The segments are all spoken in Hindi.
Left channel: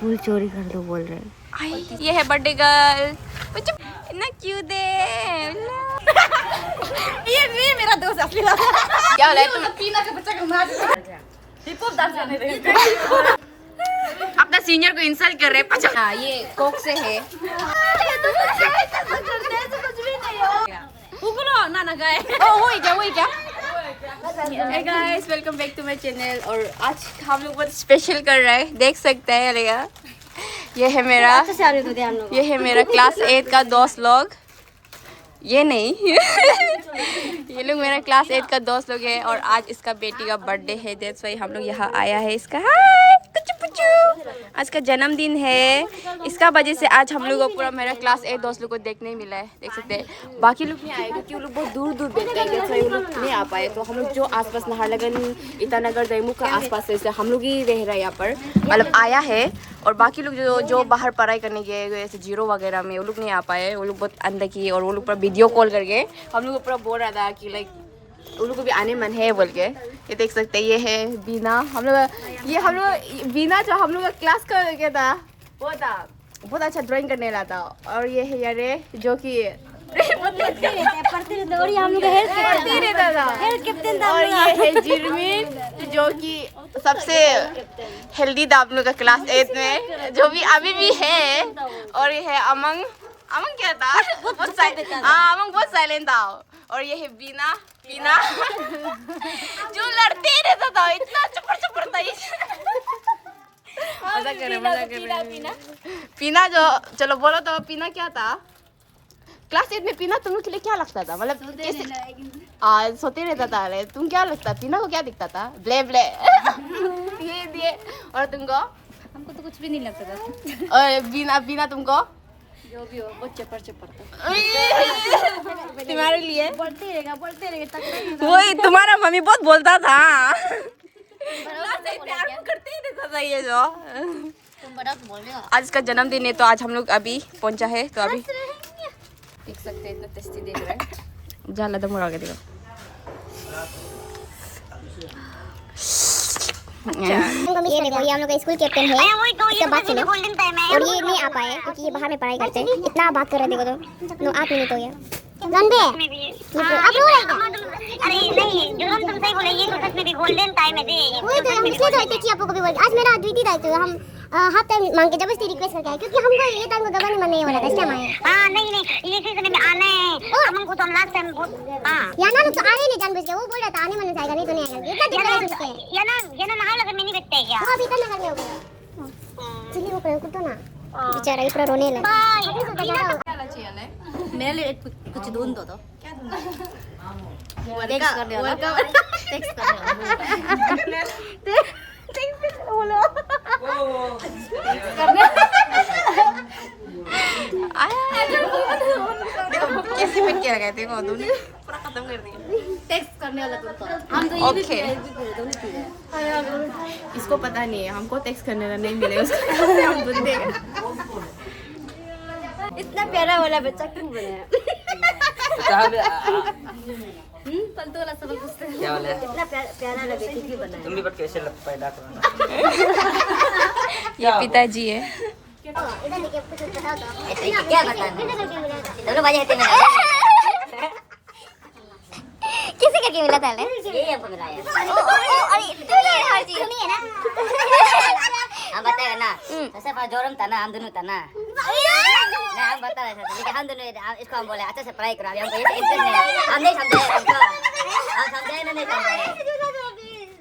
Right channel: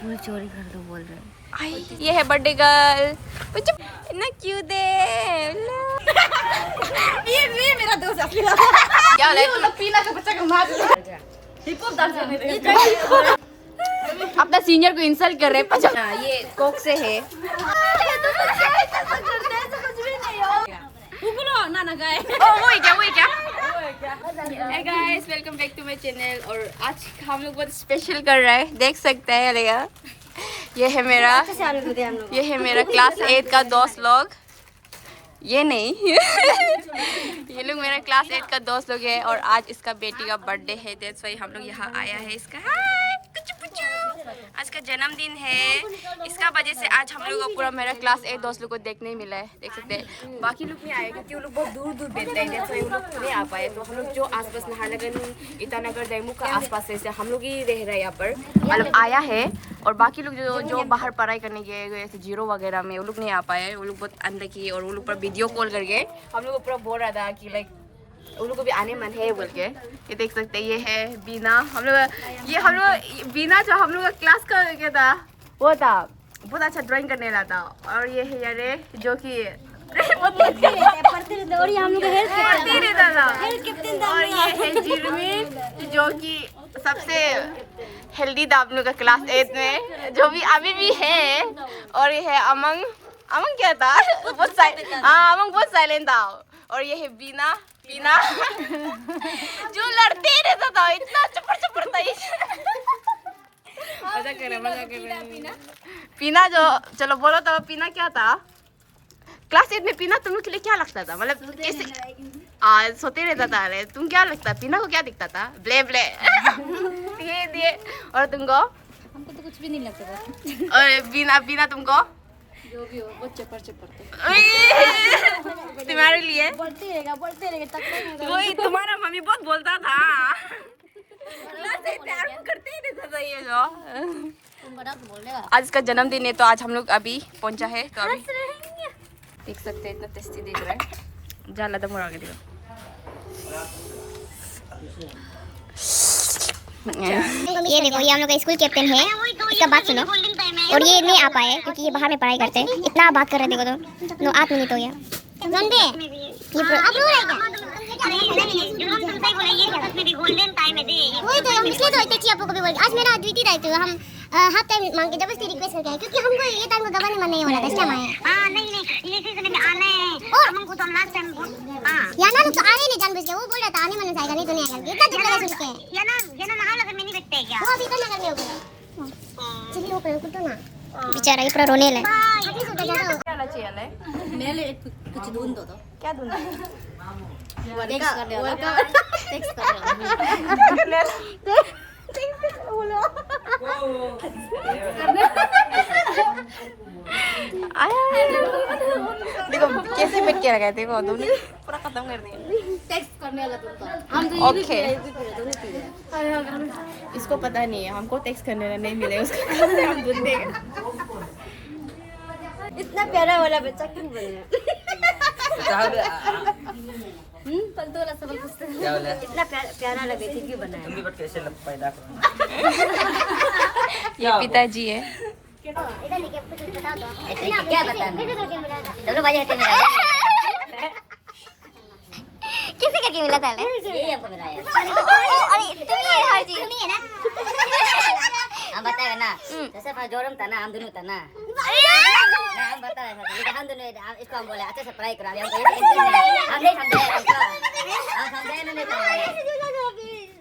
फूल चोरी कर दो बोल रहे हैं। ये है बर्थडे गर्ल, इतना क्यूट है। ये मेरा दोस्त असली वाला। क्या बोला तुम? पीना का बच्चा घुमा दे। हिप हॉप डांस करने दे। अपना सीनियर को इंसल्ट कर रहे हैं। हाँ, ये कोक से है। ना गए। वही क्या? Hey guys, welcome back to my channel। और आज हम लोग बहुत स्पेशल कर रहे हैं, देख सकते हैं अलेगा। ये है मेरा क्लास 8 का दोस्त लोग। ये नहीं ये लोग मेरा क्लास 8 का दोस्त लोग है और आज इसका बेटी का बर्थडे है। दैट्स वाई हम लोग यहाँ आया है। इसका हाय आज का जन्मदिन है। इसका वजह से आज हम लोग को पूरा मेरा क्लास 8 दोस्त लोग को देखने ही मिला है। देख सकते हैं बाकी लोग नहीं आए क्योंकि वो लोग बहुत दूर दूर बैठते हैं। दैट्स वाई वो लोग नहीं आ पाए। तो हम लोग जो आसपास नाहरलगुन, ईटानगर, दैमुख का आसपास से हम लोग ही रह रहे हैं यहाँ पर, मतलब आया है। और बाकी लोग जो बाहर पढ़ाई करने गए जैसे जीरो वगैरह में, वो लोग नहीं आ पाए। वो लोग बहुत अंदर की और वो लोग पूरा वीडियो कॉल करके हम लोग को पूरा बोल रहा था कि लाइक उन लोग को भी आने मन है बोल के। ये देख सकते हैं, ये है बीना। हम लोग बीना जो हम लोग का क्लास का क्या था, वो था बहुत अच्छा ड्राइंग करने वाला था। और ये है यारे जो कि पढ़ते रहता था। और ये है जिरमीन जो कि सबसे हेल्दी था आप लोग का क्लास 8 में, जो भी अभी भी है। और ये है अमंग क्या था, बहुत अमंग बहुत साइलेंट था। और ये है बीना जो लड़ते रहता था, इतना चपर था। मजा कर रहे पीना जो, चलो बोलो तो पीना क्या था क्लास 8 में? पीना तुम लोग के लिए क्या लगता था? मतलब कैसे सोते रहता था। तुम क्या लगता? पीना को क्या दिखता था? ब्ले दिए। और तुमको? हमको तो कुछ भी नहीं लगता था। और बीना तुमको? जो भी हो बहुत चपर तुम्हारे लिए बढ़ते रहेगा वही तुम्हारा मम्मी बहुत बोलता था ना, सही प्यार को करते ही रहता था ये जो। आज इसका जन्मदिन है तो आज हम लोग अभी पहुंचा है। तो अभी देख सकते हैं इतना टेस्टी देख रहे हैं। जाना तो मुड़ा के देखो। ये देखो, ये हम लोग का स्कूल कैप्टन है। इसका बात सुनो। और ये नहीं आ पाए क्योंकि ये बाहर में पढ़ाई करते हैं। इतना बात कर रहे देखो तो 8 मिनट हो गया। आज मेरा ड्यूटी था तो हम हाफ टाइम मांग के जबरदस्ती रिक्वेस्ट करते हैं क्योंकि हमको ये टाइम को गवाने मन नहीं हो रहा था। इसलिए आए। हां नहीं ये सीजन में आना है। और हमको तो लास्ट टाइम या ना तो आने नहीं जानबूझ के। वो बोल रहा था आने मन से आएगा, नहीं तो नहीं आएगा। इतना दुख लगा सुन के। या ना नाहरलगुन में नहीं बैठते क्या? वो अभी तो नगर में हो गया। चलिए वो करो तो ना बेचारा ये पूरा रोने लगा। क्या चाहिए ले? मेरे लिए कुछ ढूंढ दो। क्या दूँ? टेक्स्ट कर बोलो। कैसे करके लगाए थे वो तुमने? पूरा खत्म कर दिया। टेक्स्ट करने वाला तो हम तो ओके। इसको पता नहीं है, हमको टेक्स्ट करने का नहीं मिलेगा उसको हम ढूंढेंगे। इतना प्यारा वाला बच्चा क्यों बनाया? पंतोला सब पूछते हैं इतना प्यारा लगे थे क्यों बनाया? तुम भी बट कैसे लग पैदा करो। ये पिताजी है। इधर लेके कुछ बताओ तो। क्या बताना? दोनों बाजे होते हैं। किसे करके मिला था? ये हमको मिला है। अरे तुम्हें हर चीज सुनिए ना। हम बताएगा ना जैसे पास जोरम था ना, हम दोनों था ना। हम बता रहे थे लेकिन हम दोनों इसको हम बोले अच्छे से पढ़ाई करा। हमको ये इंटरेस्ट नहीं, हम नहीं समझे। हम समझे नहीं समझे।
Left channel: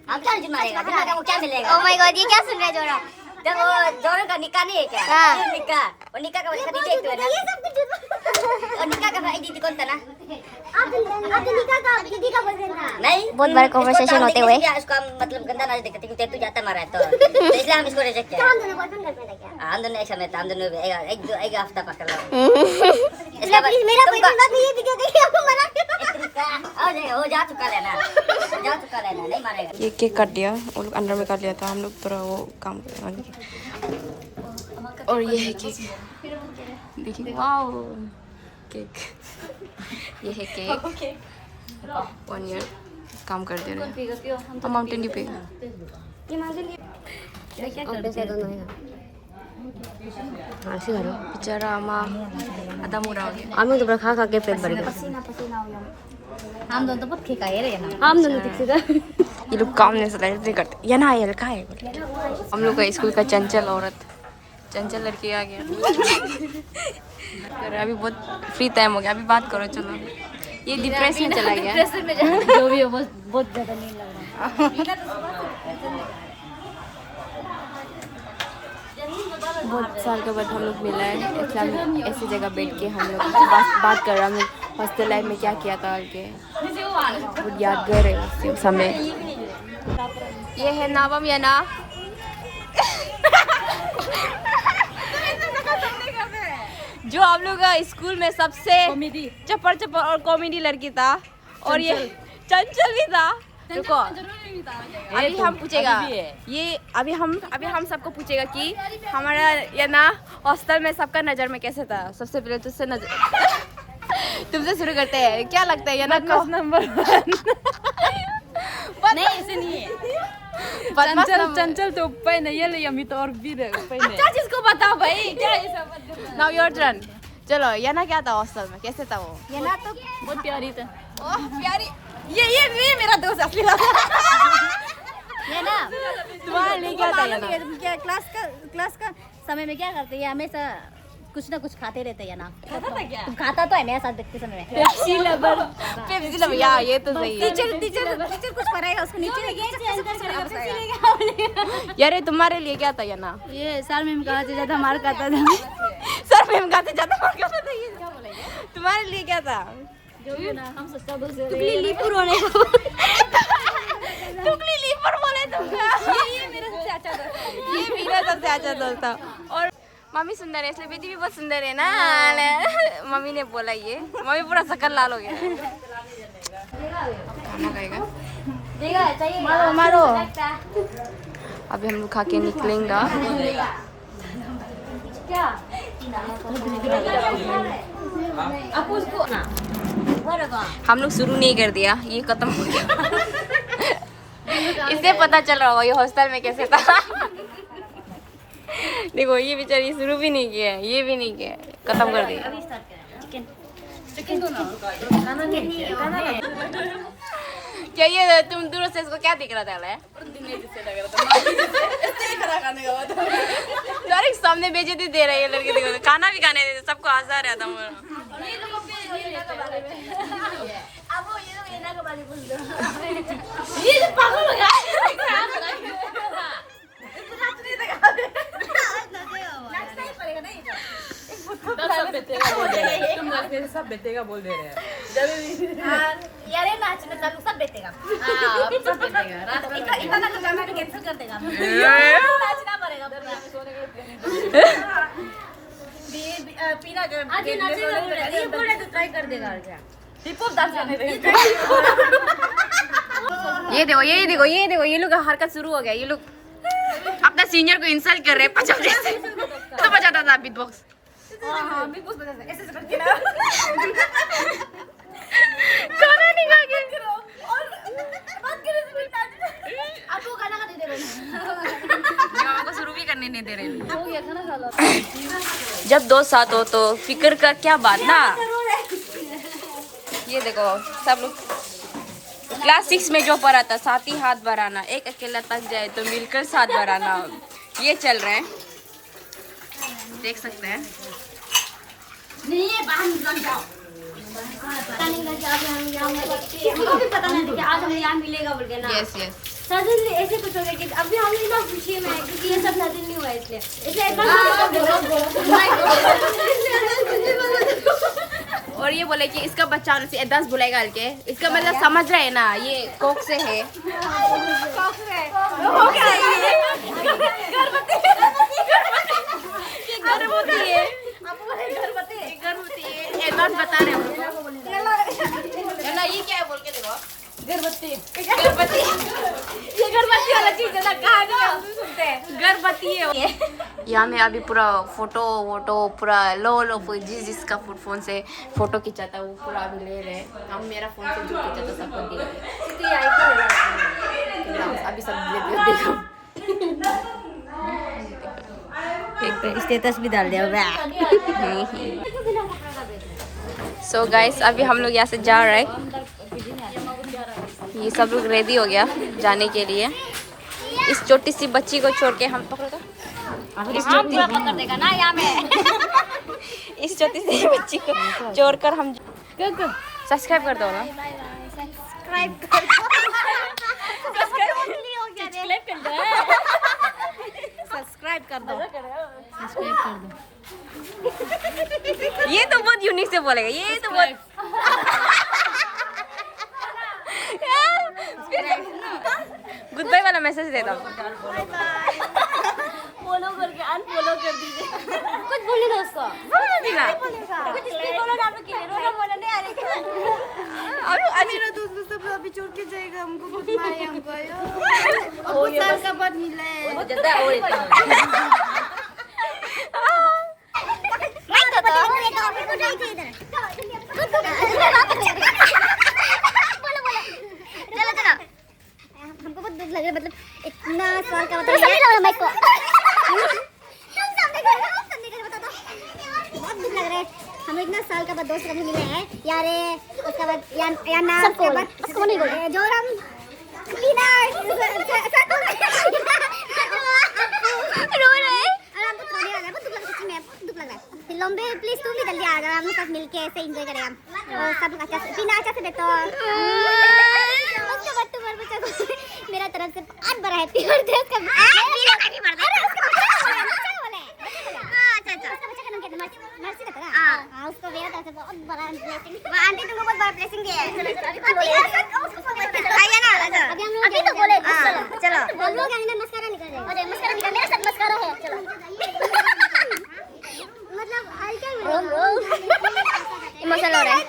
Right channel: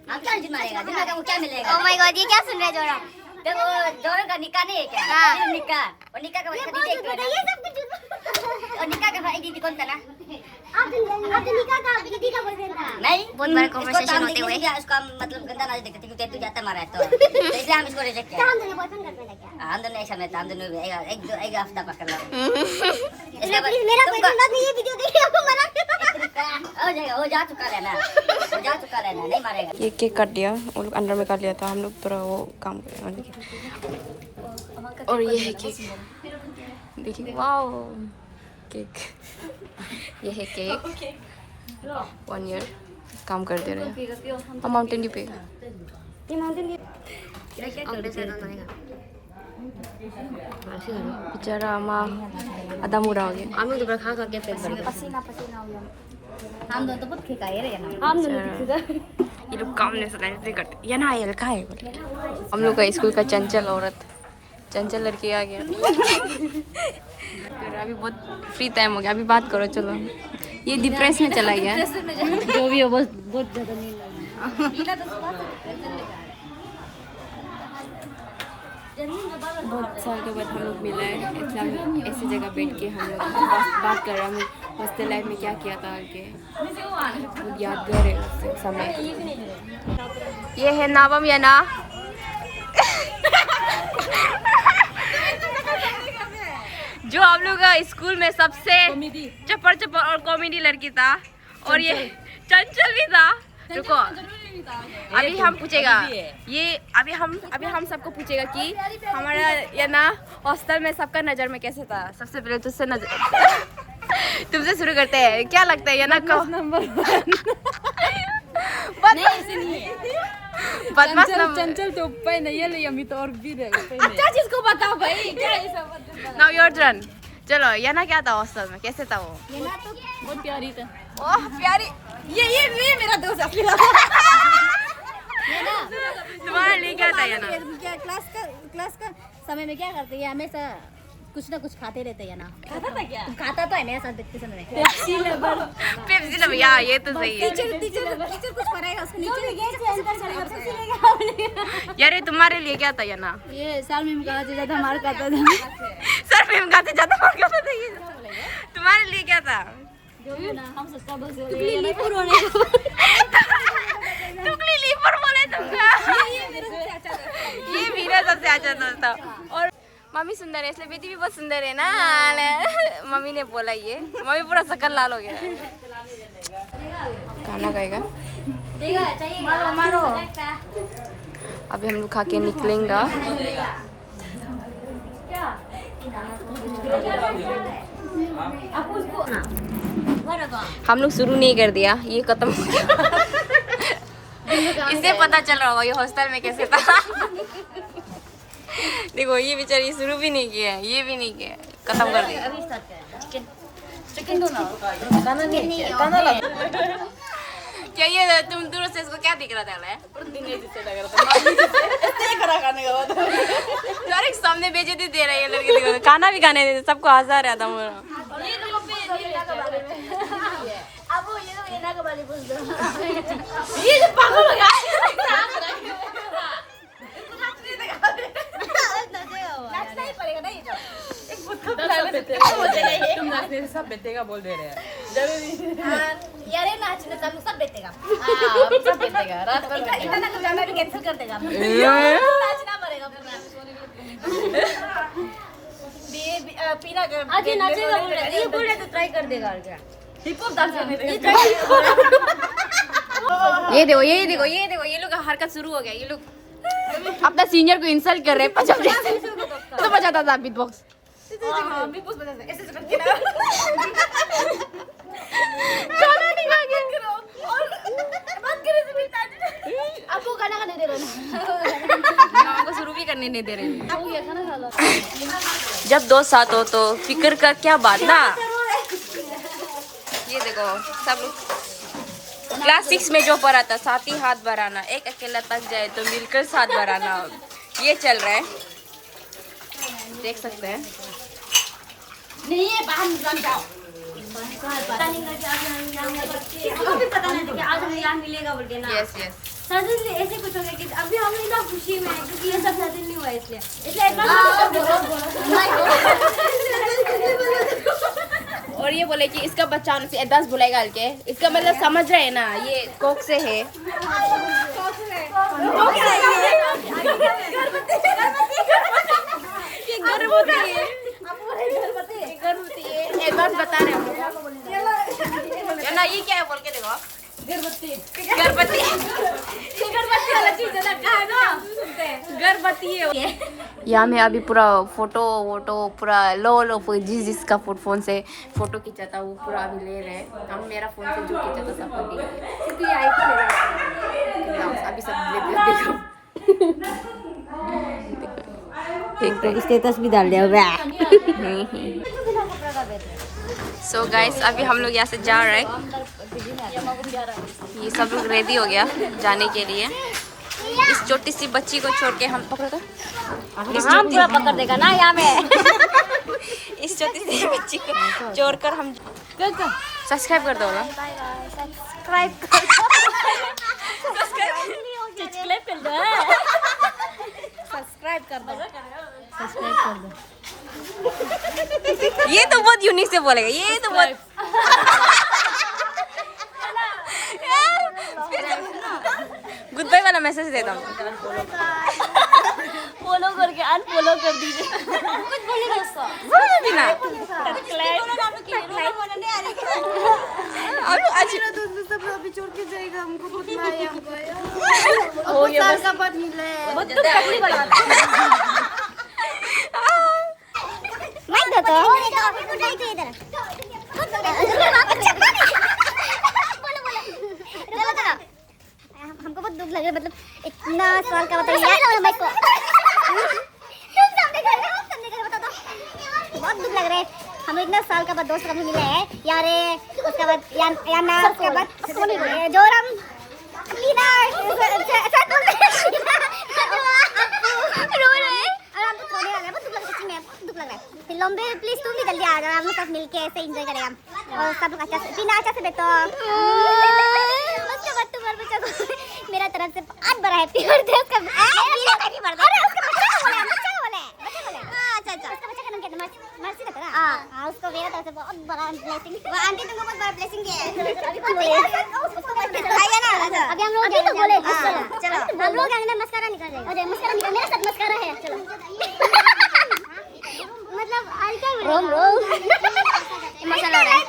हम क्या मारेगा? दिमाग को क्या मिलेगा? ओह माय गॉड, ये क्या सुन रहे जोड़ा? जब वो जोरम का निकाह नहीं है क्या? हाँ। निकाह और निकाह का वजह नहीं देखते ना। और निकाह का भाई दीदी कौन था ना? आप निकाह का दीदी का बर्थडे था। नहीं, बहुत बड़ा कन्वर्सेशन होते हुए इसको हम मतलब गंदा ना देखते क्योंकि तू जाता मारा है तो इसलिए हम इसको रिजेक्ट किया। हम दोनों बॉयफ्रेंड गर्लफ्रेंड है क्या? हम दोनों ऐसा में हम दोनों एक हफ्ता पकड़ लो। इसलिए प्लीज मेरा बॉयफ्रेंड मत ये वीडियो देखिए आपको मना। और हो जा चुका रहना नहीं मारेगा। ये केक काट दिया, वो लोग अंदर में काट लिया था। हम लोग थोड़ा वो काम कर रहे हैं। और ये है केक, देखिए वाओ केक। ये है केक 1 ईयर काम कर दे रहे हैं। माउंटेन ड्यू पे बेचारा माँ आधा मुड़ा हो गया। हम लोग तो खा खा के पेट भर गया। पसीना पसीना हो गया। हम दोनों तो बहुत खिका है रे हम दोनों ये लोग काम नहीं करते। ये ना यार कहाँ है बोले। हम लोग का स्कूल का चंचल औरत, चंचल लड़की आ गया। अभी बहुत फ्री टाइम हो गया, अभी बात करो चलो। ये डिप्रेशन में चला गया। जो भी हो बहुत ज्यादा नींद लग रहा बहुत साल के बाद हम लोग मिला है, इसलिए हम ऐसी जगह बैठ के हम लोग बात कर रहे हैं। हम लोग हॉस्टल लाइफ में क्या किया था के बहुत यादगार है उस समय। ये है नावम या ना जो हम लोग का स्कूल में सबसे चप्पड़ चप्पड़ और कॉमेडी लड़की था, और ये चंचल भी था। रुको अभी हम पूछेगा ये अभी हम सबको पूछेगा कि हमारा ये ना हॉस्टल में सबका नजर में कैसे था। सबसे पहले तुमसे शुरू करते हैं। क्या लगता है ये ना को नंबर नहीं ऐसे नहीं है। चंचल तो ऊपर नहीं है, अमी तो और भी अच्छा चीज को बताओ भाई। क्या ये सब नाउ योर टर्न। चलो ये ना क्या था हॉस्टल में, कैसे था वो? ये ना तो बहुत प्यारी था। ओह प्यारी, ये मेरा दोस्त असली वाला। ये ना तुम्हारे लिए क्या था ये ना? क्या क्लास का समय में क्या करते हैं? हमेशा कुछ ना कुछ खाते रहते हैं ना। खाता था क्या? खाता तो है मेरे साथ देखते समय में। पेप्सी लवर यार ये तो सही है। टीचर कुछ कराएगा उसको नीचे यार ये तुम्हारे लिए क्या था ये ना? ये सर मैम खाते ज्यादा मार खाता था। सर मैम खाते ज्यादा मार खाता था। तुम्हारे लिए क्या था? हम सबका टुकली लीपुर होने को। टुकली लीपुर बोले तुमका। ये मेरा सबसे अच्छा दोस्त। ये मेरा सबसे अच्छा दोस्त था। और मम्मी सुंदर है इसलिए बेटी भी बहुत सुंदर है ना। मम्मी ने बोला ये, मम्मी पूरा शकल लाल हो गया। खाना खाएगा? मारो। अभी हम लोग खा के निकलेंगे। हम लोग शुरू नहीं कर दिया, ये खत्म हो गया। इससे पता चल रहा होगा ये हॉस्टल में कैसे था। देखो ये बेचारी शुरू भी नहीं किया, ये भी नहीं किया, खत्म कर दिया। क्या ये तुम दूर से इसको क्या दिख रहा था? डायरेक्ट सामने बेइज्जती दे रही है लड़के। देखो खाना भी खाने देते, सबको हंसा रहा था मेरा। ये जो पागल हो गया। तुम नाचने से सब बेटेगा बोल दे रहे हैं। यार ये नाचने सब बेटेगा। सब बेटेगा। इतना तो गाना भी कैंसिल कर देगा। नाचना पड़ेगा पूरा। पीना कर। आज नाचेगा ये बोले तो ट्राई कर देगा और क्या? हिप हॉप डांस करने देगा। ये देखो ये लोग का हरकत शुरू हो गया। ये लोग अपना सीनियर को इंसल्ट कर रहे हैं। पचास तो बजाता था बीट बॉक्स। हाँ बिग बॉस बता ऐसे करके ना। गाना नहीं गा के करो और बात करे से मिलता है। आपको गाना नहीं दे रहे ना। हमको शुरू भी करने नहीं दे रहे। आपको ये खाना खा लो। जब दो साथ हो तो फिक्र का क्या बात ना। ये देखो सब लोग क्लास 6 में जो पढ़ा था, साथ ही हाथ बढ़ाना, एक अकेला थक जाए तो मिलकर साथ बढ़ाना, ये चल रहा है, देख सकते हैं। नहीं है बाहर निकल जाओ। किसी को भी पता नहीं था कि आज हमें यहाँ मिलेगा बोल के ना। यस सडनली ऐसे कुछ हो गया कि अभी हम इतना खुशी में है क्योंकि ये सब सडनली हुआ है इसलिए और ये बोले कि इसका बच्चा होने से 10 बुलाएगा हल्के, इसका मतलब समझ रहे हैं ना, ये कोक से है। गर्भवती है, एडवांस बता रहे हैं ये क्या है बोल के देखो। गर्भवती है। यहाँ में अभी पूरा फोटो पूरा लो जिसका फोन से फोटो खींचा था वो पूरा अभी ले रहे हैं। हम मेरा फोन से जो खींचा था सबको दे अभी सब देखो। स्टेटस भी डाल दिया। सो गाइस अभी हम लोग यहाँ से जा रहे हैं। ये सब लोग रेडी हो गया जाने के लिए। इस छोटी सी बच्ची को छोड़ के हम पकड़ दो। पकड़ देगा ना यहाँ में। इस छोटी सी बच्ची को छोड़कर हम सब्सक्राइब कर दो ना। सब्सक्राइब कर दो। सब्सक्राइब कर दो। ये तो बहुत यूनिक से बोलेगा। ये तो बहुत गुड बाय वाला मैसेज देता हूँ। Bye bye. फॉलो करके अनफॉलो कर दीजिए। ना अभी छोड़ के जाएगा हमको। खुद मारे हमको बहुत साल का बाद मिले। हमको बहुत दुख लग रहा है, मतलब इतना साल का बताइए बहुत दुख लग रहा है। हम इतना साल का बाद दोस्त कभी मिले हैं यार। उसके बाद याना उसके बाद जोरम टीना फिर लंबे प्लीज तुम भी जल्दी आ जाओ। हम लोग सब मिलके ऐसे एंजॉय करेंगे हम और सब लोग अच्छा से टीना अच्छा से बैठो। उसके बाद तुम्हारे बच्चा को मेरा तरफ से बहुत बड़ा हैप्पी बर्थडे। उसका मर्सी का था। हां उसको मेरा तरफ से बहुत बड़ा ब्लेसिंग। वो आंटी तुमको बहुत बड़ा ब्लेसिंग दिया है। खाइए ना। अभी हम लोग बोले चलो हम लोग आएंगे। मस्कारा निकल जाएगा। मस्कारा मेरा साथ मस्कारा है। चलो मतलब क्या इमोशनल हो रहा है।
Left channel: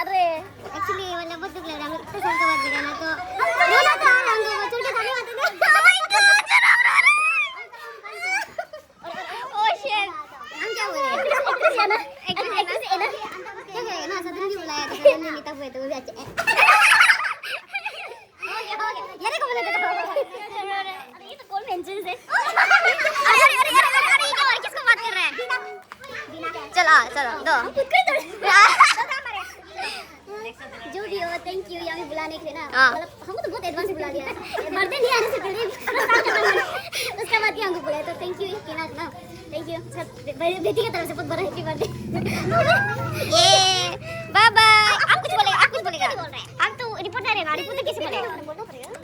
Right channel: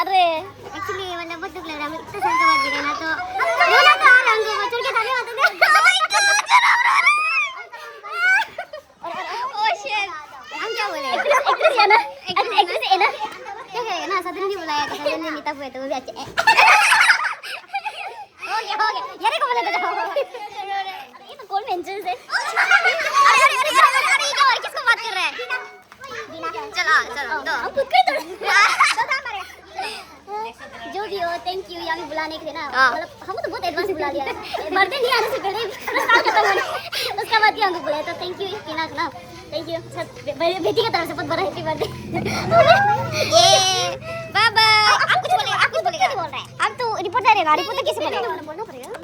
अरे एक्चुअली मतलब बहुत दुख लग रहा है। इतना साल के बाद मिले ना तो रोना तो आ रहा है। हमको छोड़ के जाने वाले थे। हम क्या बोले एक्ट्रेस है ना। क्या करेगा ना। सदन भी बुलाया था। सदन ने मीटअप हुए थे वो भी अच्छे। हो गया यार को बोला था। ये तो कॉल मेंशन है। अरे ये क्या और किसको बात कर रहा है। चलो दो जो भी हो थैंक यू यहाँ भी बुलाने के लिए ना। मतलब हमको तो बहुत एडवांस बुला लिया। बर्थडे नहीं आने से पहले उसका बाद हमको बुलाया तो थैंक यू टीना ना। थैंक यू बेटी की तरफ से बहुत बड़ा हैप्पी बर्थडे। ये बाय बाय। आप कुछ बोलेगा। आप तो रिपोर्टर है ना। रिपोर्टर कैसे बोलेगा।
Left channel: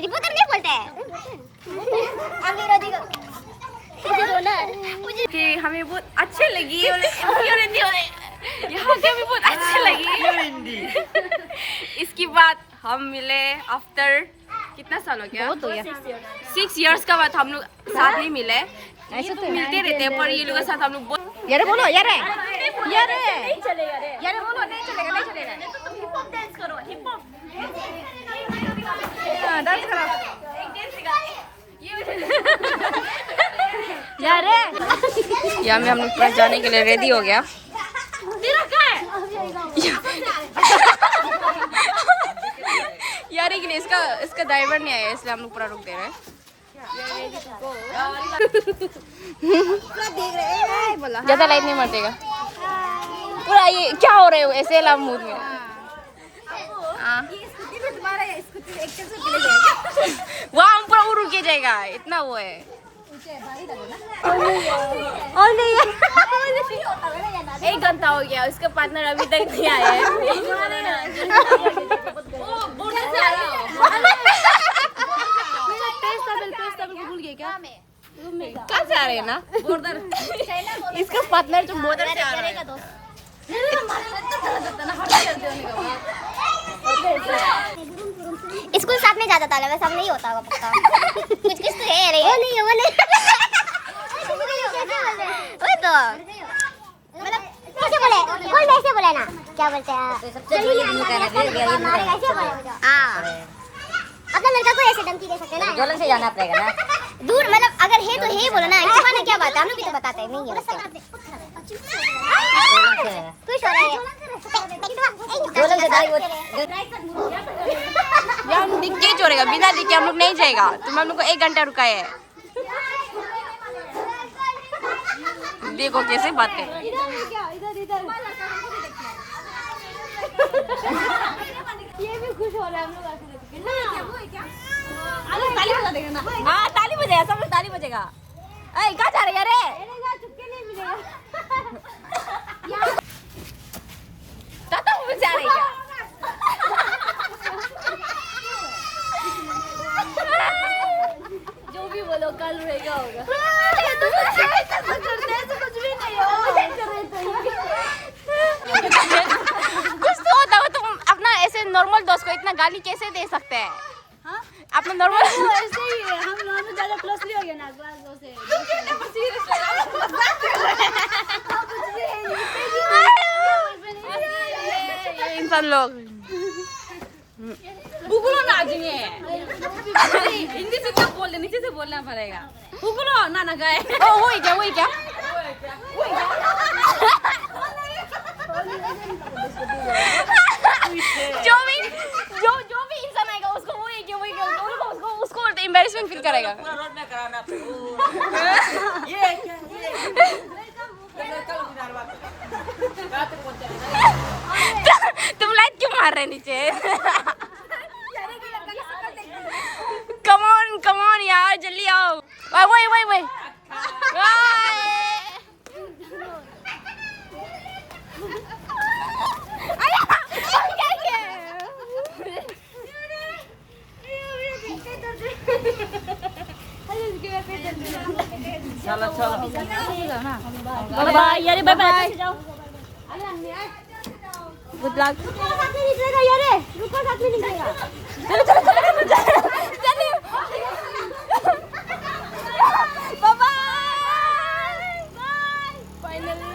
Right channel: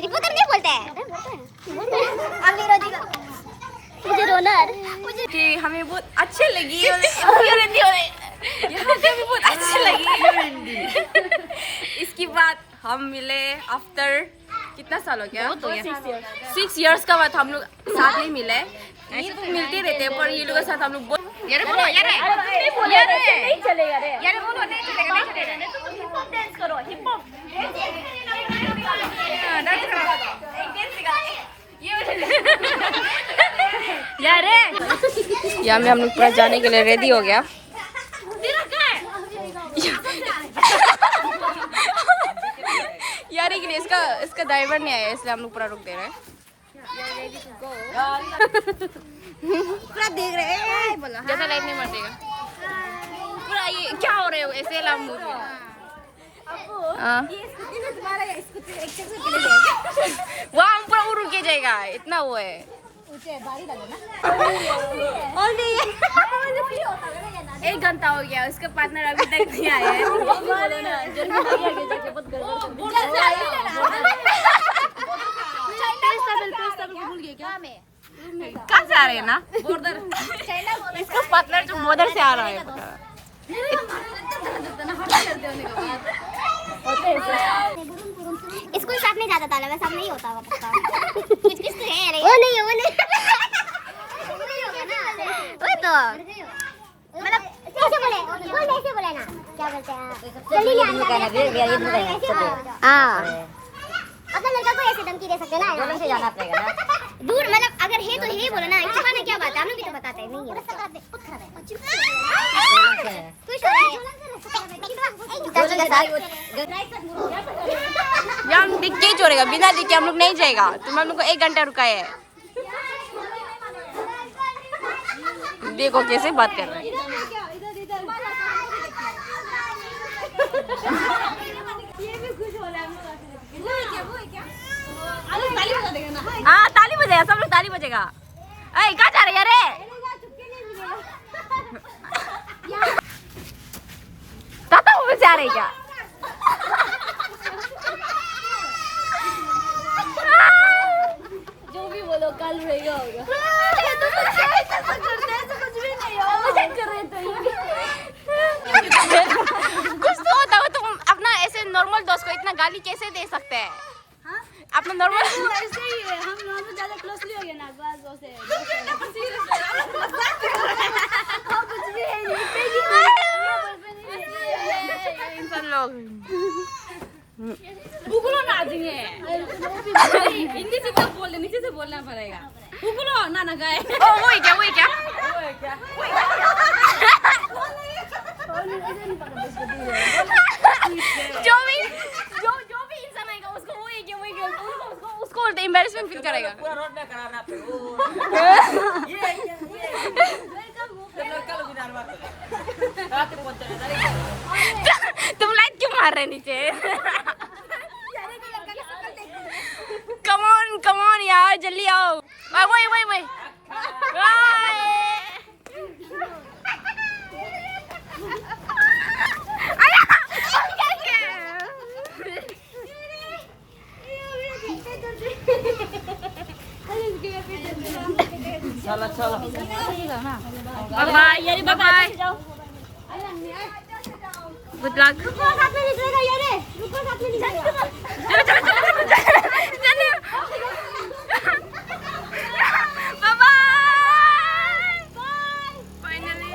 रिपोर्टर नहीं बोलते हैं हम विरोधी को। मुझे रोना है। कि हमें बहुत अच्छे लगी। यहाँ पे भी बहुत अच्छी लगी। इसकी बात हम मिले आफ्टर कितना साल हो गया। 6 years का बाद हम लोग साथ ही मिले। ऐसे तो मिलते रहते हैं पर ये लोग के साथ हम लोग बहुत यार बोलो यार बोलो नहीं चलेगा। तुम हिप हॉप डांस करो। हिप हॉप डांस करो। यार यहाँ में हम लोग पूरा जाने के लिए रेडी हो गया। यार के लिए इसका ड्राइवर नहीं आया इसलिए हम लोग पूरा रुक दे रहे हैं। ज्यादा लाइट नहीं मरतेगा पूरा। ये क्या हो रहे हो ऐसे लाभ मूड में। वहाँ हम पूरा रुक के जाएगा। इतना वो है। एक घंटा हो गया उसका पार्टनर अभी तक नहीं आया है। भूल गए क्या। कहाँ से आ रहे हैं ना बॉर्डर। इसका पार्टनर तो बॉर्डर से आ रहा है। स्कूल साथ में जाता था वैसा नहीं होता होगा पक्का। कुछ तो है। अरे वो नहीं वो तो मतलब कैसे बोले कोई वैसे बोले ना क्या बोलते हैं। हाँ अपना लड़का को ऐसे धमकी दे सकते हैं ना। जोलन से जाना पड़ेगा ना। दूर मतलब अगर है तो है बोलो ना। इसके बाद क्या बात है। हम लोग भी तो बताते हैं नहीं है। हम दिख के छोड़ेगा बिना दिख के हम लोग नहीं जाएगा। तुम हम लोग को 1 घंटा रुका है। देखो कैसे बात कर रहा है। हाँ ताली बजेगा, सब लोग ताली बजेगा। अरे कहाँ जा रहे यार? ताता मूवी से आ रही क्या? जो भी बोलो कल रहेगा होगा। कुछ तो होता हो, तुम अपना ऐसे नॉर्मल दोस्त को इतना गाली कैसे दे सकते हैं? अपना नॉर्मल ऐसे ही है, हम दोनों ज्यादा क्लोजली हो गए ना क्लास दो से। इंसान लोग उगलो नाचेंगे। हिंदी से तो बोलने, नीचे से बोलना पड़ेगा। उगलो ना ना गए। वही क्या जो भी इंसान आएगा उसको वही उसको एम्बैरेसमेंट फील करेगा। तुम लाइट क्यों मार रहे नीचे? कम ऑन यार, जल्दी आओ। वही चलो चलो। Bye bye, good luck. चलो बाय बाय। फाइनली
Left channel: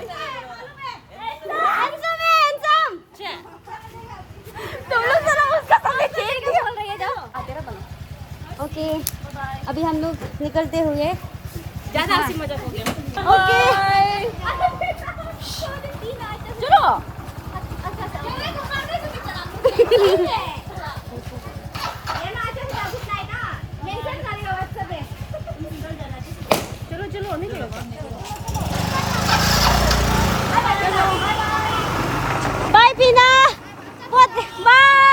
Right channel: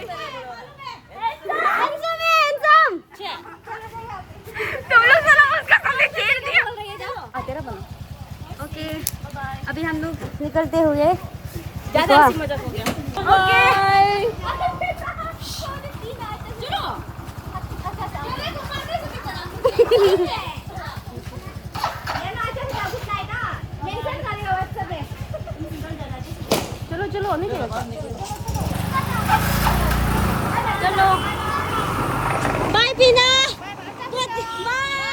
तुम लोग जरा उसका समय खेल दिया। ओके, अभी हम लोग निकलते हुए ज्यादा हंसी मजाक हो गया। ओके चलो चलो नहीं बाय पीना, बाय।